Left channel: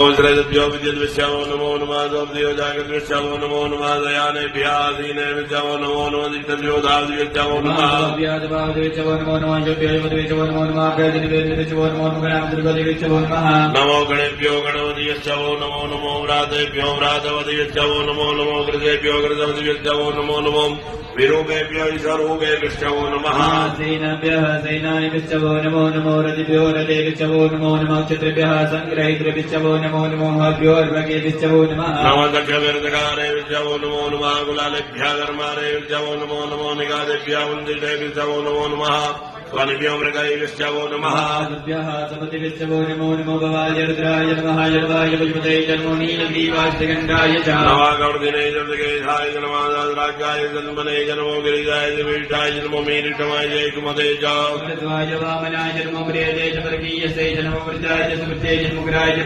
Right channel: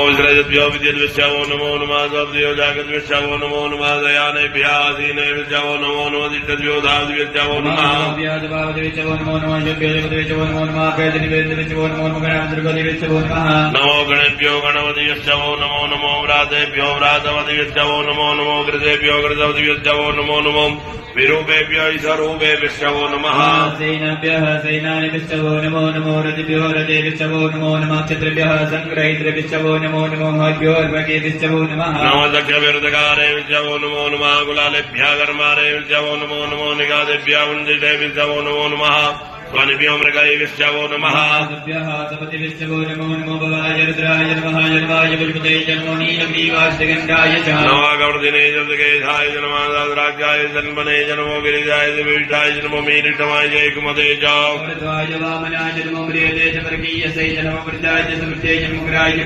विद्यो विद्युद्विश्वो नमो नमः द्वयो जागद्विश्वो नमो नमः दयानेभ्यासीने विश्वो नमो नमः दिष्टद्योधाद्विश्वो नमः व्याजभावदेविश्वो नमो नमः योग्यदेवदेविश्वो नमो नमः कैजनिवेदिविश्वो नमो नमः गणामद्रुगदेविश्वो नमः नमो गणेभ्यो गणपतिविश्वो नमो नमो व्रातेभ्यो व्रातपतिविश्वो नमो नमो कृतेभ्यो कृतपतिविश्वो नमो नमो विरूपेभ्यो ईशरूपेभ्यो नमः सेनाभ्यः सेनानिविश्वो नमो नमो रतिभ्यो रतेविश्वो नमो नमः क्षत्रिभ्यः सङ्ग्रहीतृभिश्वो नमो नमो हर्भ्यो अर्भकेभिश्वो नमः नमदक्षविरुद्धकारेभ्यो नमो नमः कुलालेभ्यः कर्मारेभ्यो नमो नमो निगादेभ्यः वन्दितेभ्यो नमो नमः स्वानिभ्यो मृगैभ्यो नमः सपतिभ्यो नमो नमो भवाय रुद्राय नमः जन्माय विष्णुते जन्मो नीलग्रीवास्तिगण्डाय च नवागवर्धिने जलकेशाय नमः दाद्राक्षाय जन्मने जन्मो गिरिजाय विष्ठाय जन्मो मीलितमाय जयकुमते च वामनाय जन्मो मृगे च वर्गीयसे जन्मो वृद्धाय च समृद्धे जन्मोग्राय